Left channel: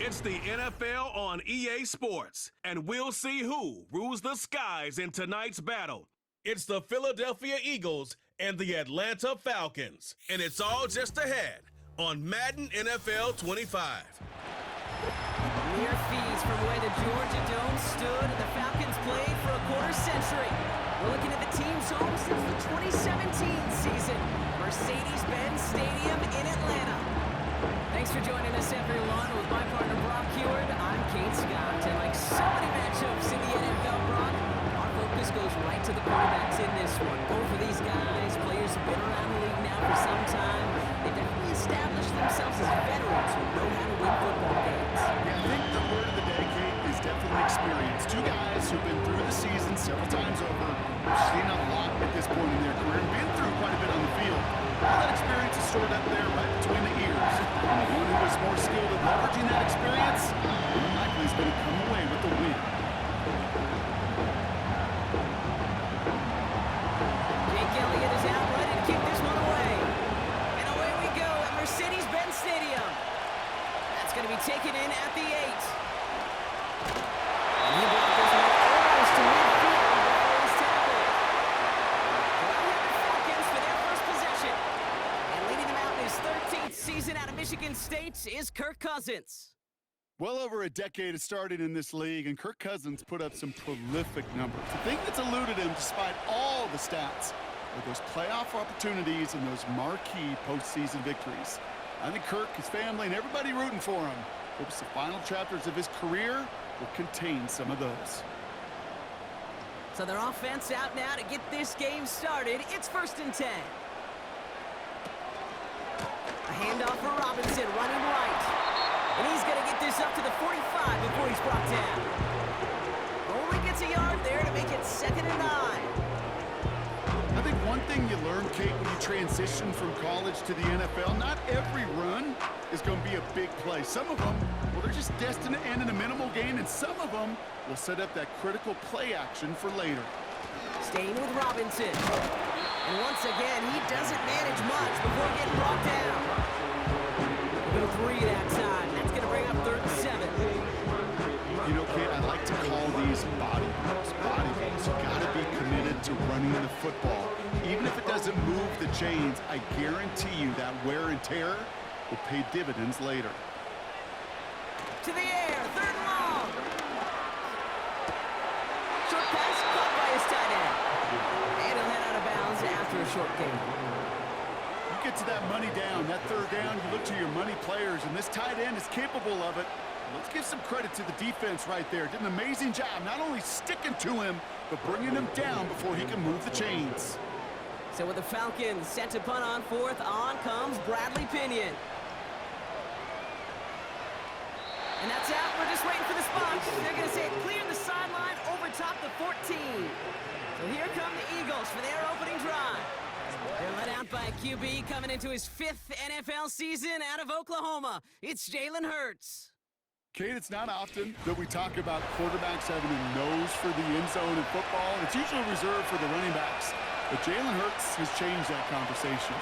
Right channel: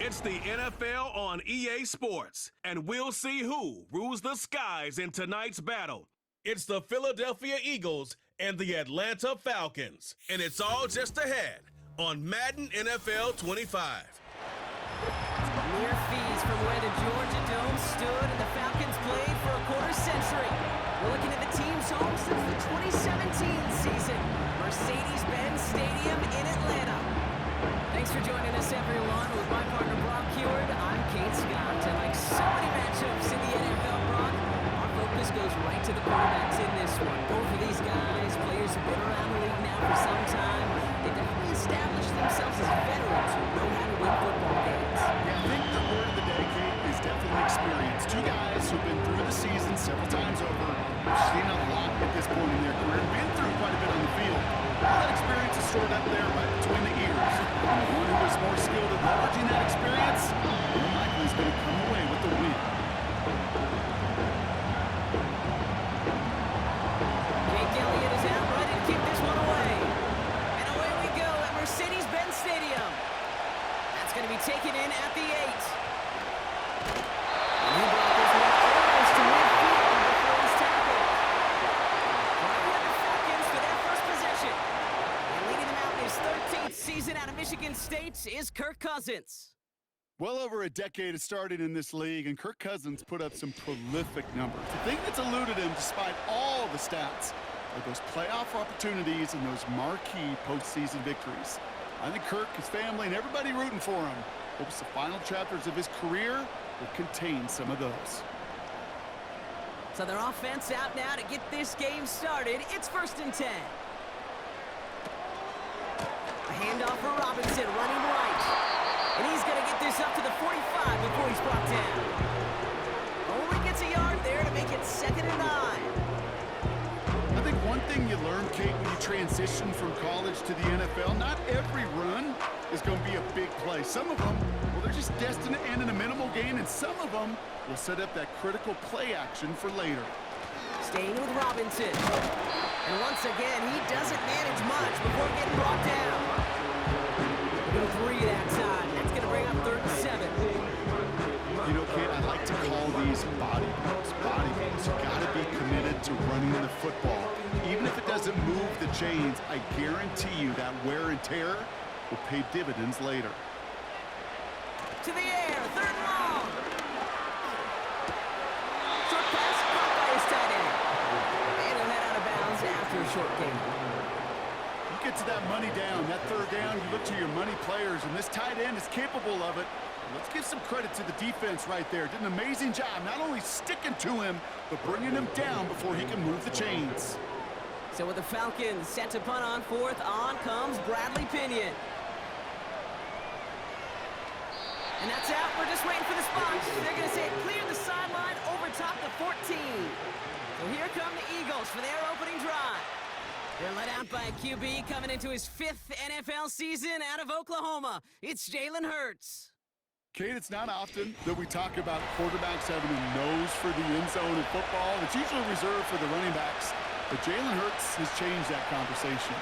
It's the NFL on EA Sports, and we'll see who rules the skies in tonight's battle. It's the Philadelphia Eagles and the Atlanta Falcons, and it's all just ahead on Madden NFL 25. Mere fees from where the Georgia Dome stood and the Falcons played for a quarter century. We're looking at the team's home since the 2017 season, Mercedes-Benz Stadium in Atlanta. Thanks for joining us, everyone. With my partner, Brock Heward, I'm Kate Scott. And like so many matchups in the NFL, Brock, our focus goes right to the quarterbacks in this one. Both of these guys, players who've been around the league now for some time, they definitely established themselves as veterans who know how to win football games. Yeah, I think the word of the day, Kate, is definitely experience. Two guys who've been through the season several times over, who've seen a lot at this point in their career, and been through quite a bit on the field. All that experience is stored up there right between the ears. And the one who is more skilled at leveraging that experience, more than likely is going to come away with the win. Jake Elliott is out ready to kick this one away. And away we go at Mercedes-Benz Stadium. That's going to be taken in at the 8. And he brought this one almost to midfield before he's tackled. Well, we have the Falcons for their first possession. And leading them out in his 13th season out of Michigan State is Kirk Cousins. Well over a decade has started in this league, and Kirk Cousins put up some prolific numbers. The thing that's eluded him, despite all the stats, are those playoff opportunities and those marquee postseason victories. I think Kirk, his family, and everybody rooting for him hopes the final chapters of his career will contain some of those. So their offense out now to get this game started. It's 1st and 10. A handoff for Robinson, running right. And he's going to get this up to the 45 before he's brought down. Only gets a yard there to make it 2nd and 9. I think one thing you learn, Kate, when you transition from college to the NFL, not every run is going to be a big play. Some of them, well, they're just destined to end in a minimal gain, and some of them will set up that critical play action for later. Staying with Robinson. And once again, he doesn't manage much before getting brought down. We'll go 3 that time. That's going to bring up 3rd and 7. You know, Kate, I like to call these body blows. Body blows. You got to be committed to running the football. Even if it doesn't move the chains, I guarantee you that wear and tear will pay dividends later. To the air, 3rd and long. Short pass caught by his tight end. And he'll head out of bounds after a short gain. You get to that money down, that 3rd down, you look to your money players, and this tight end is capable of it. Let's give some credit to the defense right there. Did an amazing job, not only sticking to him, but bringing him down before he can move the chains. So with the Falcons set to punt on 4th, on comes Bradley Pinion. And that's out. We're just waiting for the spot. They're going to say clear the sideline over top the 14. So here come the Eagles for their opening drive. They're led out by a QB coming into his 5th NFL season out of Oklahoma. It's Jalen Hurts. Kate, it's not often that we talk about quarterbacks having a nose for the end zone in football. It's usually reserved for the running backs. But Jalen Hurts has changed that conversation.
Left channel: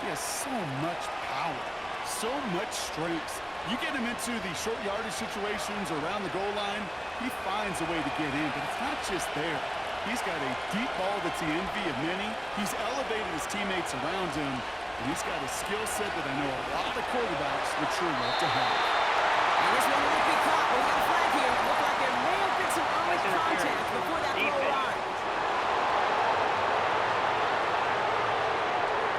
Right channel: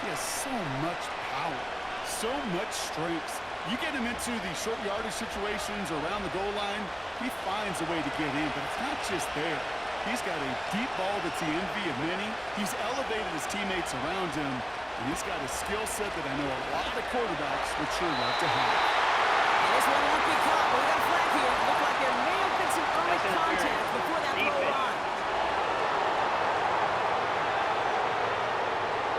He has so much power, so much strength. You get him into the short yardage situations or around the goal line, he finds a way to get in. But it's not just there. He's got a deep ball that's the envy of many. He's elevated his teammates around him, and he's got a skill set that I know a lot of quarterbacks would sure love to have. And this one won't be caught, but we got a flag here. Looked like there may have been some early contact before that throw arrived.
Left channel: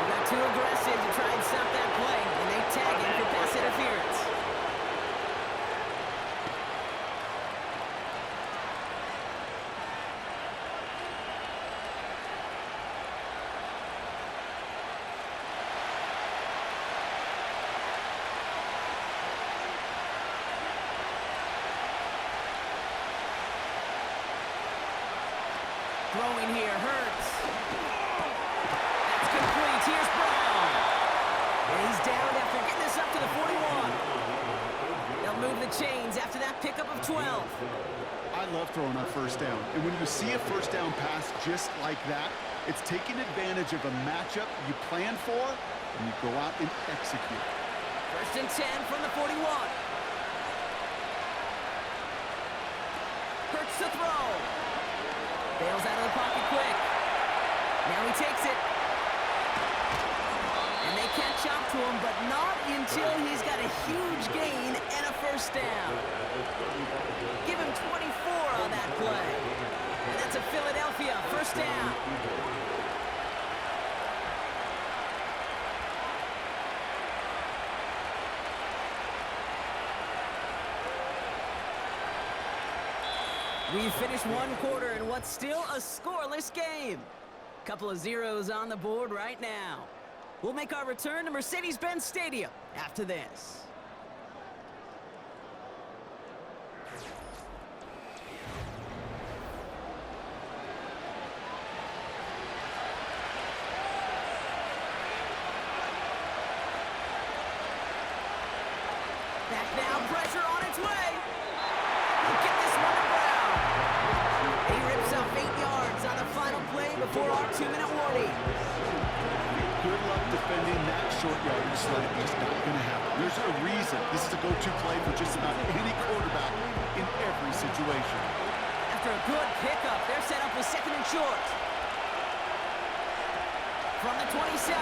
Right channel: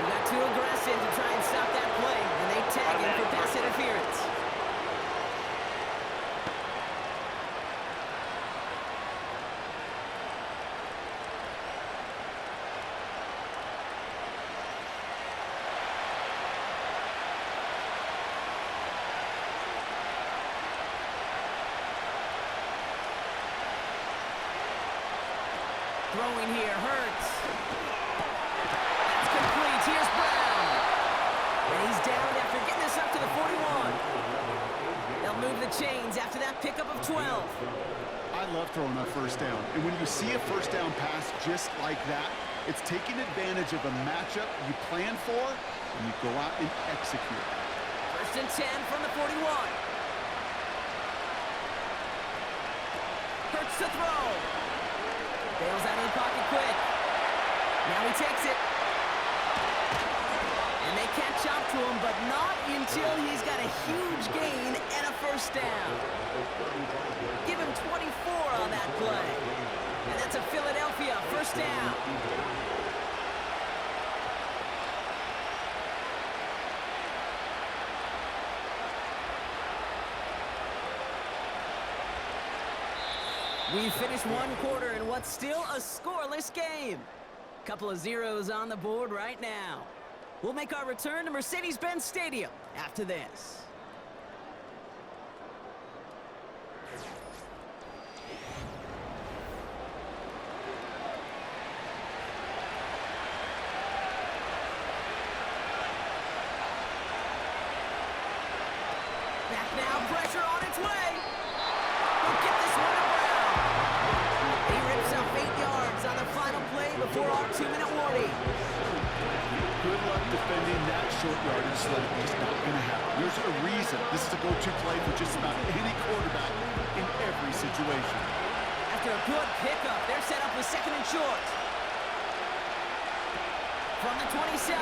We got too aggressive to try and stop that play, and they tag him for pass interference. Throwing here, Hurts. That's complete. Here's Brown. And he's down after getting this up to the 41. They'll move the chains after that pickup of 12. I love throwing on 1st down. And when you see a 1st down pass just like that, it's taking advantage of a matchup you plan for, and you go out and execute. 1st and 10 from the 41. Hurts to throw. Bails out of the pocket quick. Now he takes it. And they can't chop to him, but not until he's got a huge gain and a first down. Give him 24 on that play. And that's a Philadelphia first down. We've finished one quarter in what's still a scoreless game. Couple of zeros on the board right now. We'll make our return to Mercedes-Benz Stadium after this. Back now, pressure on its way. We'll get this one to Brown. He rips off 8 yards on the final play before our 2-minute warning. Good luck defending that short yardage sled. Just not going to happen. There's a reason this is a go-to play for just about any quarterback in every situation. After a good pickup, they're set up with 2nd and short. From the 27.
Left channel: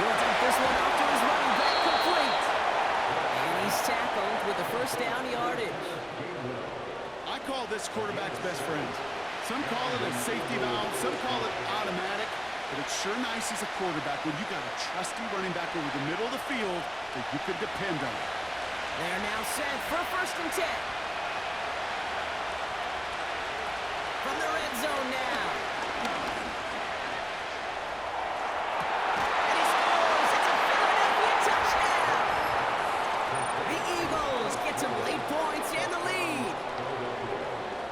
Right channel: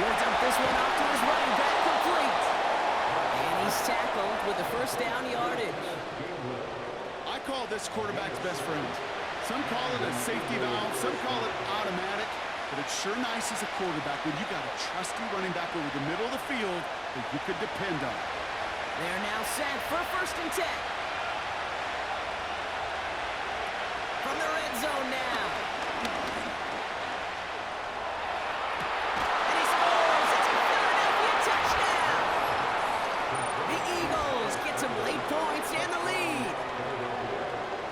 He'll dump this one off to his running back, complete. And he's tackled with the first down yardage. I call this quarterback's best friend. Some call it a safety valve, some call it automatic, but it's sure nice as a quarterback when you got a trusty running back over the middle of the field that you could depend on. They're now set for 1st and 10. From the red zone now. And he scores! It's a Philadelphia touchdown! The Eagles get some late points and the lead.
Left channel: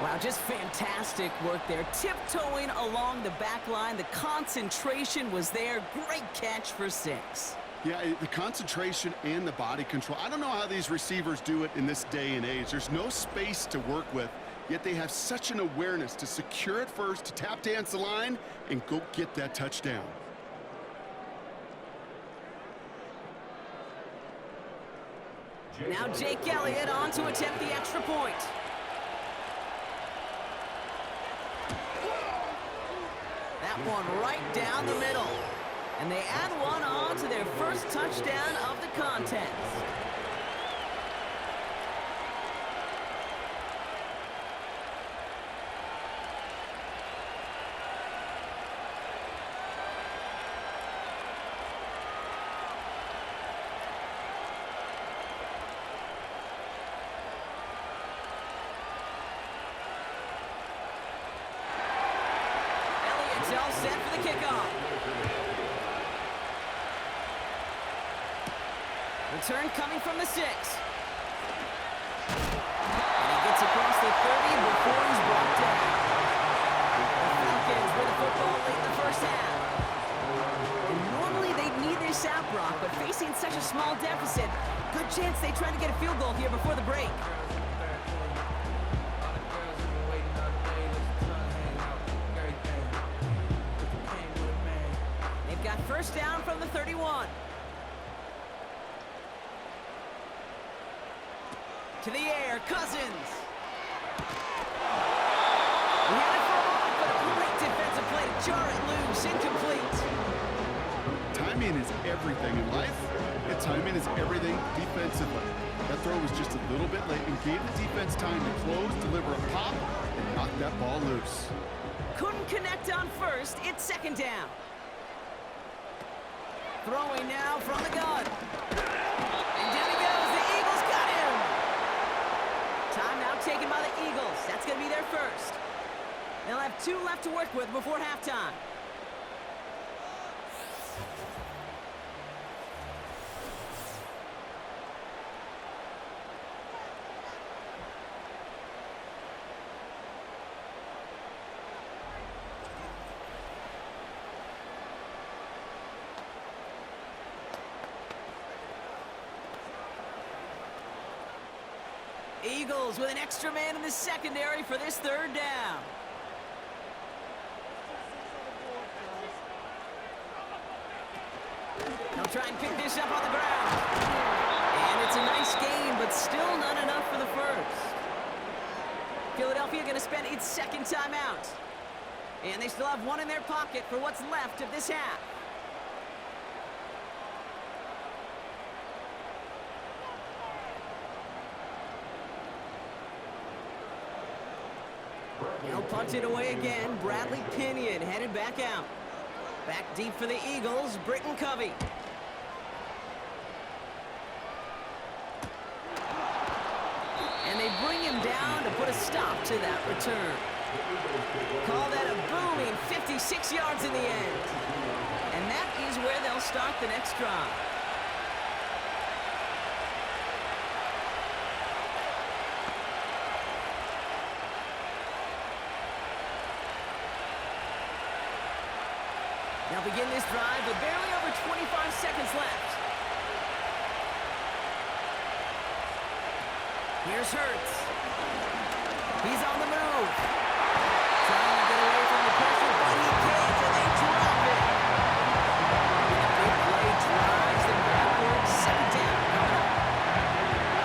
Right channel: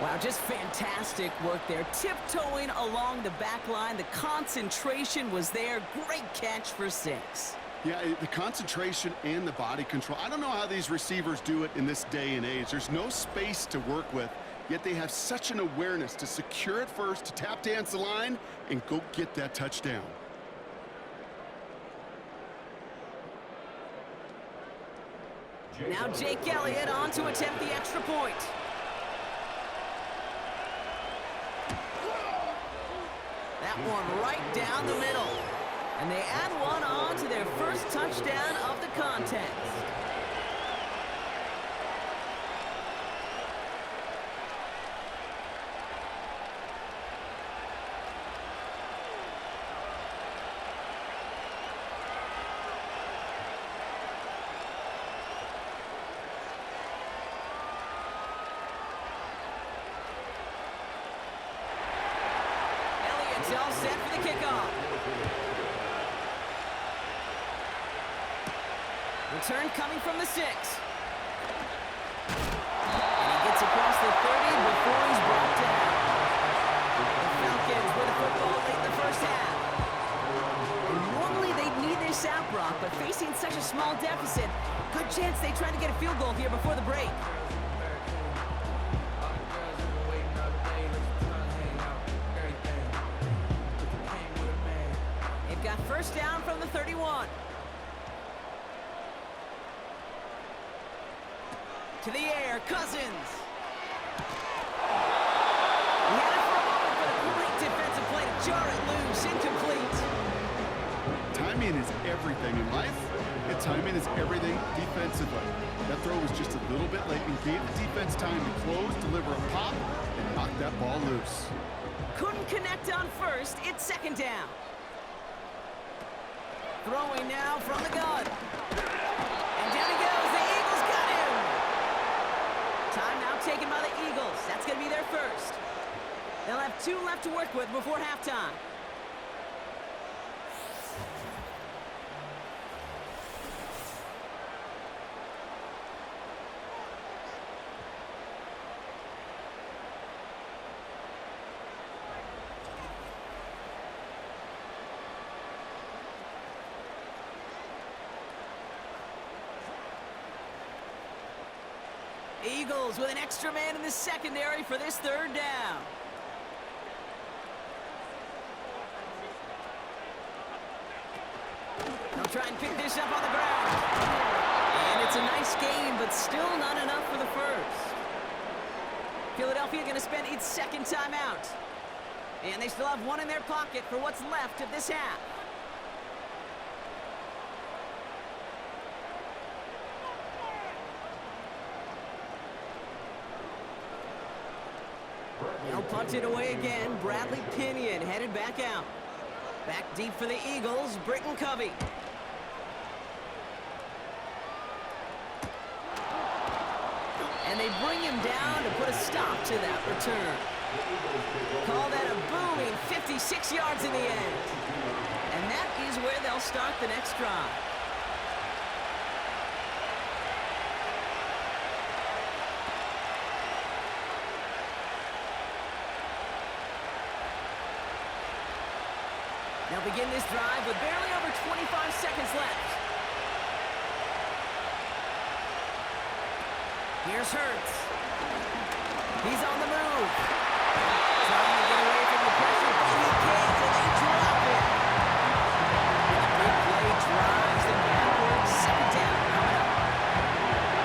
Wow, just fantastic work there. Tiptoeing along the back line. The concentration was there. Great catch for 6. Yeah, the concentration and the body control. I don't know how these receivers do it in this day and age. There's no space to work with, yet they have such an awareness to secure it first, to tap dance the line, and go get that touchdown. Now Jake Elliott on to attempt the extra point. That one right down the middle. And they add one on to their first touchdown of the contest. Elliott's all set for the kickoff. Return coming from the 6. And he gets across the 30 before he's brought down. The Falcons with the football late in the first half. And normally they'd need their sap rock, but facing such a small deficit, good chance they try to get a field goal here before the break. They've got first down from the 31. To the air, Cousins. He had it for a moment, but a great defensive play to jar it loose, incomplete. Timing is everything in life, and timing is everything defensively. That throw was just a little bit late and gave the defense time to close, deliver a pop, and knock that ball loose. Couldn't connect on first, it's 2nd down. Throwing now from the gun. And down he goes, the Eagles got him! Timeout taken by the Eagles. That's going to be their first. They'll have 2 left to work with before halftime. Eagles with an extra man in the secondary for this 3rd down. They'll try and pick this up on the ground. And it's a nice gain, but still not enough for the first. Philadelphia going to spend its second timeout. And they still have one in their pocket for what's left of this half. They'll punt it away again. Bradley Pinion headed back out. Back deep for the Eagles, Britton Covey. And they bring him down to put a stop to that return. Call that a booming 56 yards in the end. And that is where they'll start the next drive. They'll begin this drive with barely over 25 seconds left. Here's Hurts. He's on the move. Trying to get away from the pressure, but he can't, and they drop it. And the big play drives them backwards. Second down coming up.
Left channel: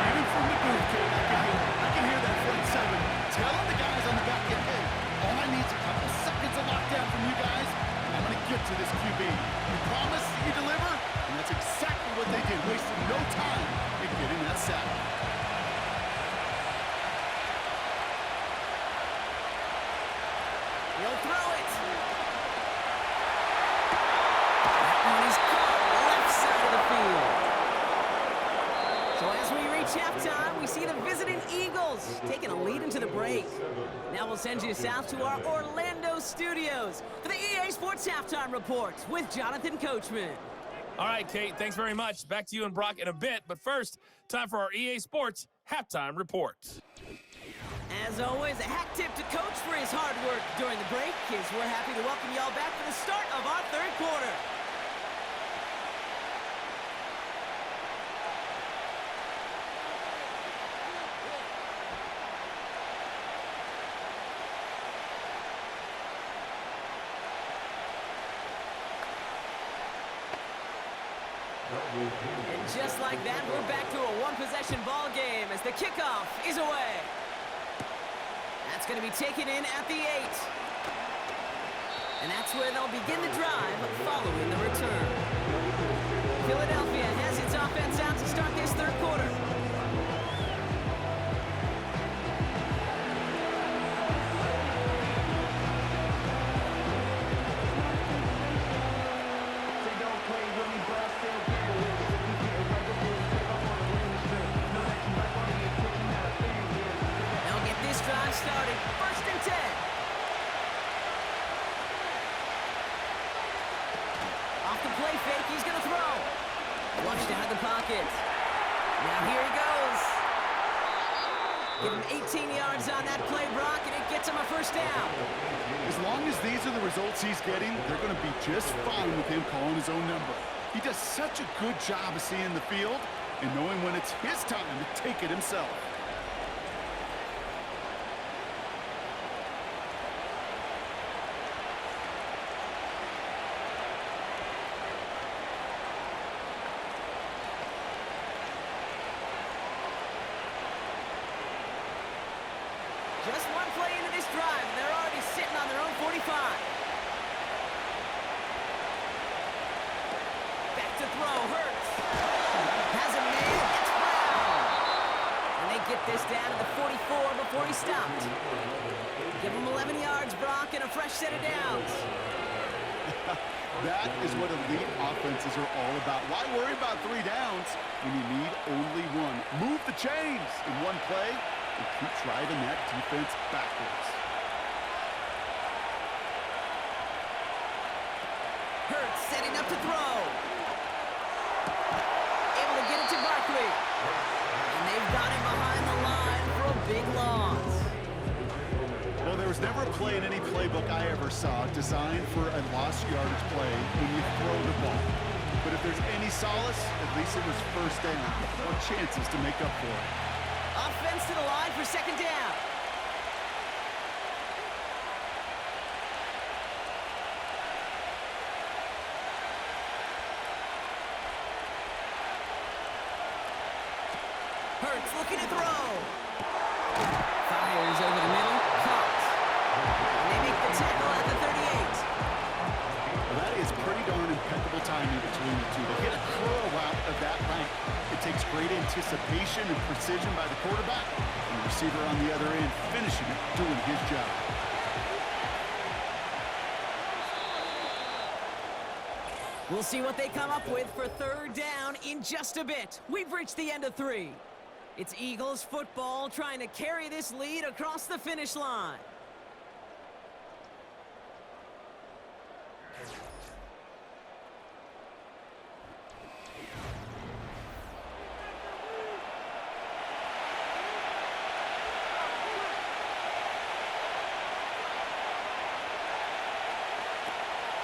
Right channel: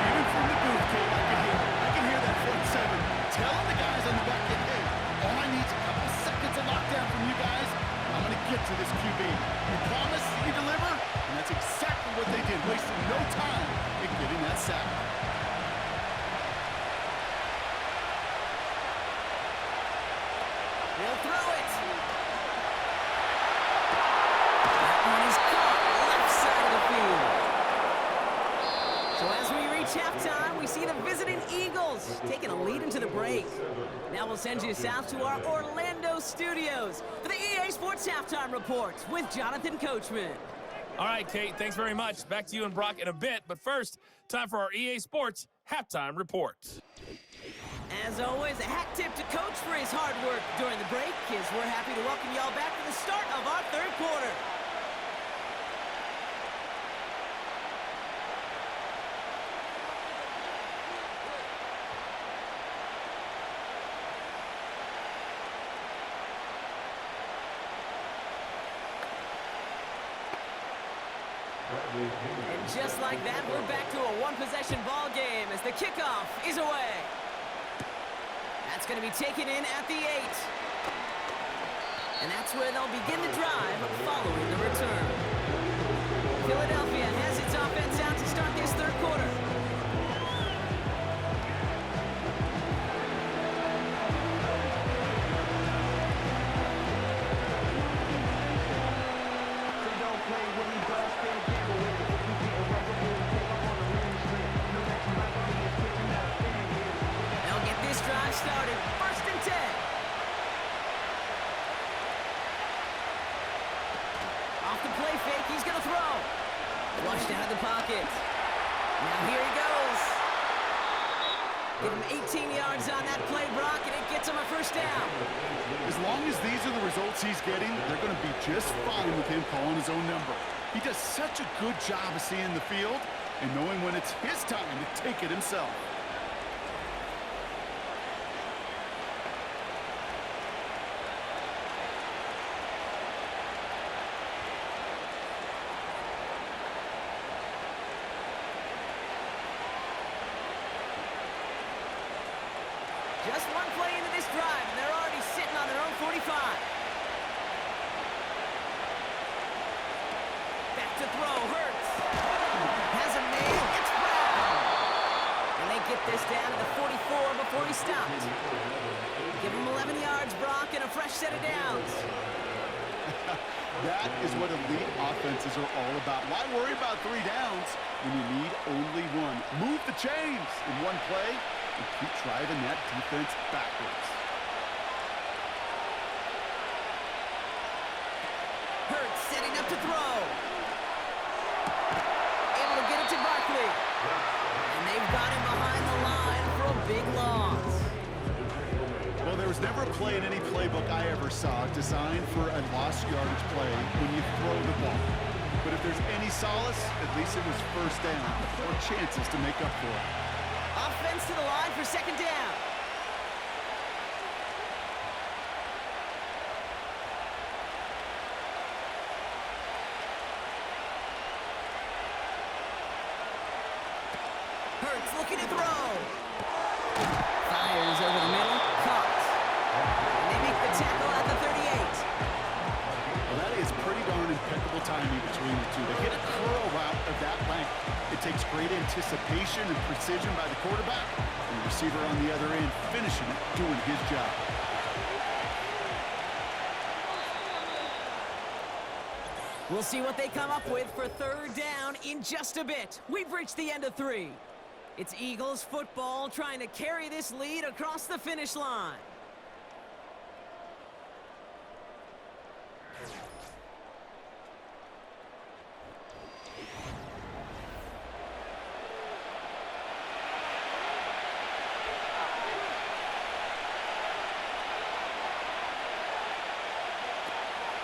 Even from the booth, Kate, I can hear that front seven telling the guys on the back end, hey, all I need is a couple seconds of lockdown from you guys. I'm going to get to this QB. You promise you deliver, and that's exactly what they did, wasting no time in getting that sack. He'll throw it. That one is caught left side of the field. So as we reach halftime, we see the visiting Eagles taking a lead into the break. Now we'll send you south to our Orlando studios for the EA Sports Halftime Report with Jonathan Coachman. All right, Kate, thanks very much. Back to you and Brock in a bit. But first, time for our EA Sports Halftime Report. As always, a hat tip to Coach for his hard work during the break, as we're happy to welcome y'all back for the start of our third quarter. And just like that, we're back to a one-possession ball game as the kickoff is away. That's going to be taken in at the 8. And that's where they'll begin the drive following the return. Philadelphia has its offense out to start this third quarter. They'll get this drive started. First and 10. Off the play fake, he's going to throw. Flushed out of the pocket. Now here he goes. Give him 18 yards on that play, Brock, and it gets him a first down. As long as these are the results he's getting, they're going to be just fine with him calling his own number. He does such a good job of seeing the field and knowing when it's his time to take it himself. Just one play into this drive, and they're already sitting on their own 45. Back to throw, Hurts. Has a man, it's Brown. And they get this down to the 44 before he stopped. Give him 11 yards, Brock, and a fresh set of downs. That is what elite offenses are all about. Why worry about 3 downs when you need only one? Move the chains in one play and keep driving that defense backwards. Hurts setting up to throw. Able to get it to Barkley. And they've got him behind the line for a big loss. Well, there was never a play in any playbook I ever saw designed for a lost yardage play when you throw the ball. But if there's any solace, at least it was first down or chances to make up for it. Offense to the line for second down. Hurts looking to throw. Fires over the middle, caught. And they make the tackle at the 38. Well, that is pretty darn impeccable timing between the two. They hit a curl route of that length. It takes great anticipation and precision by the quarterback, and the receiver on the other end finishing it, doing his job. We'll see what they come up with for third down in just a bit. We've reached the end of 3. It's Eagles football trying to carry this lead across the finish line.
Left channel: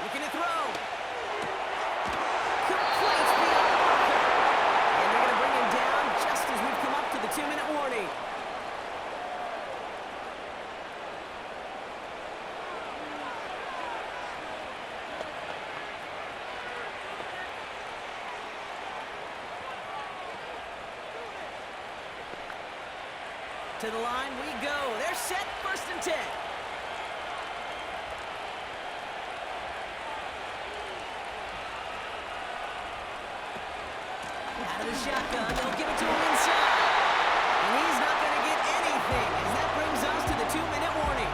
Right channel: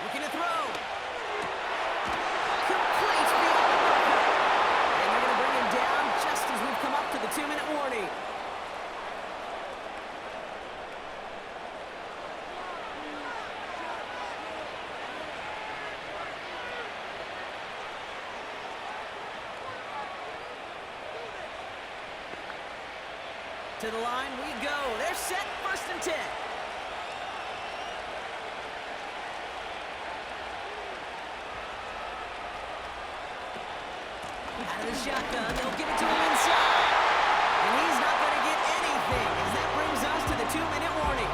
Looking to throw. Complete beyond the marker. And they're going to bring him down just as we've come up to the 2-minute warning. To the line we go. They're set, 1st and 10. Out of the shotgun, they'll give it to him inside. And he's not going to get anything as that brings us to the 2-minute warning.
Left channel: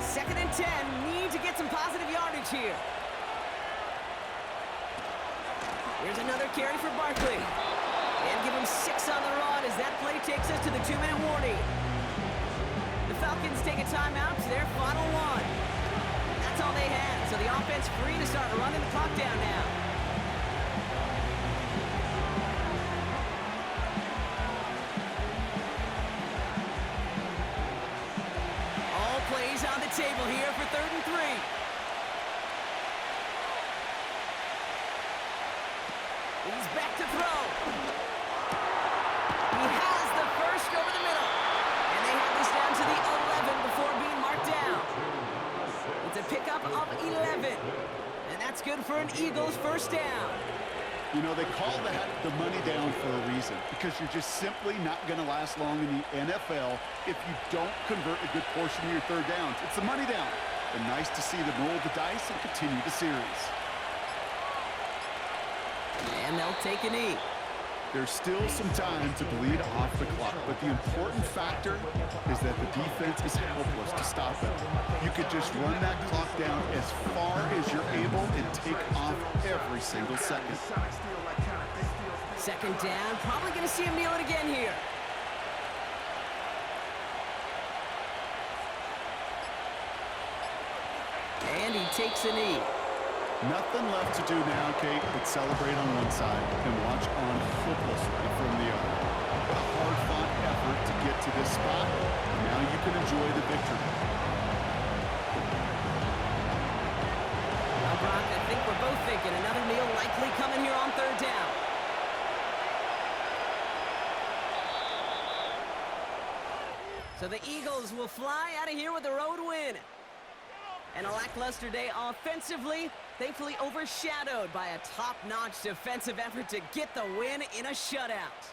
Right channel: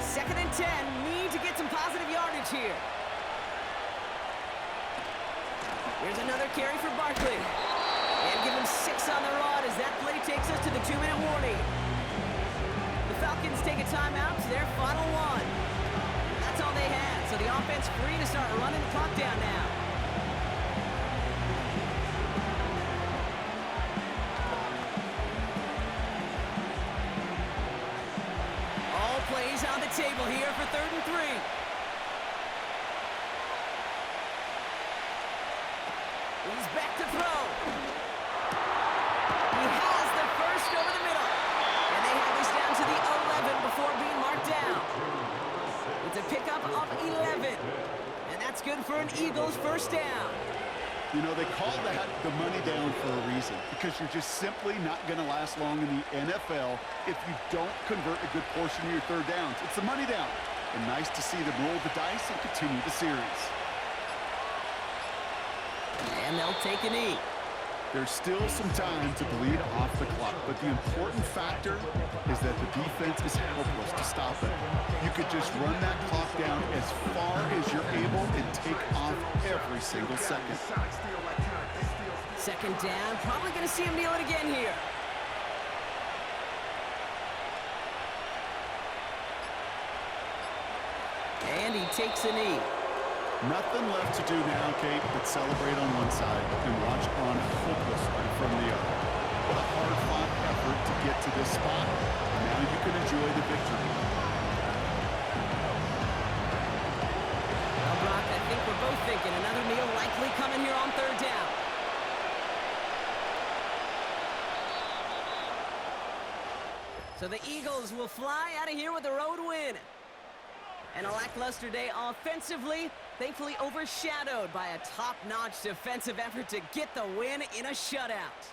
Second and 10, need to get some positive yardage here. Here's another carry for Barkley. And give him 6 on the rod as that play takes us to the 2-minute warning. The Falcons take a timeout to their final 1. That's all they had, so the offense free to start running the clock down now. All plays on the table here for 3rd and 3. He's back to throw. He has the first over the middle. And they have this down to the 11 before being marked down. It's a pickup of 11. And that's good for an Eagles first down. You know, they call that the money down for a reason, because you're just simply not going to last long in the NFL if you don't convert a good portion of your third downs. It's the money down. And nice to see them roll the dice and continue the series. And they'll take a knee. There's still some time to bleed off the clock, but the important factor is that the defense is helpless to stop it. You could just run that clock down as far as you're able and take off every single second. Second down, probably going to see him kneel it again here. And he takes a knee. Nothing left to do now, Kate, but celebrate on one side and watch on hopelessly from the other. What a hard-fought effort to get to this spot. Now you can enjoy the victory. Well, Brock, I think we're both thinking another meal likely coming here on 3rd down. So the Eagles will fly out of here with a road win. And a lackluster day offensively, thankfully overshadowed by a top-notch defensive effort to get the win in a shutout.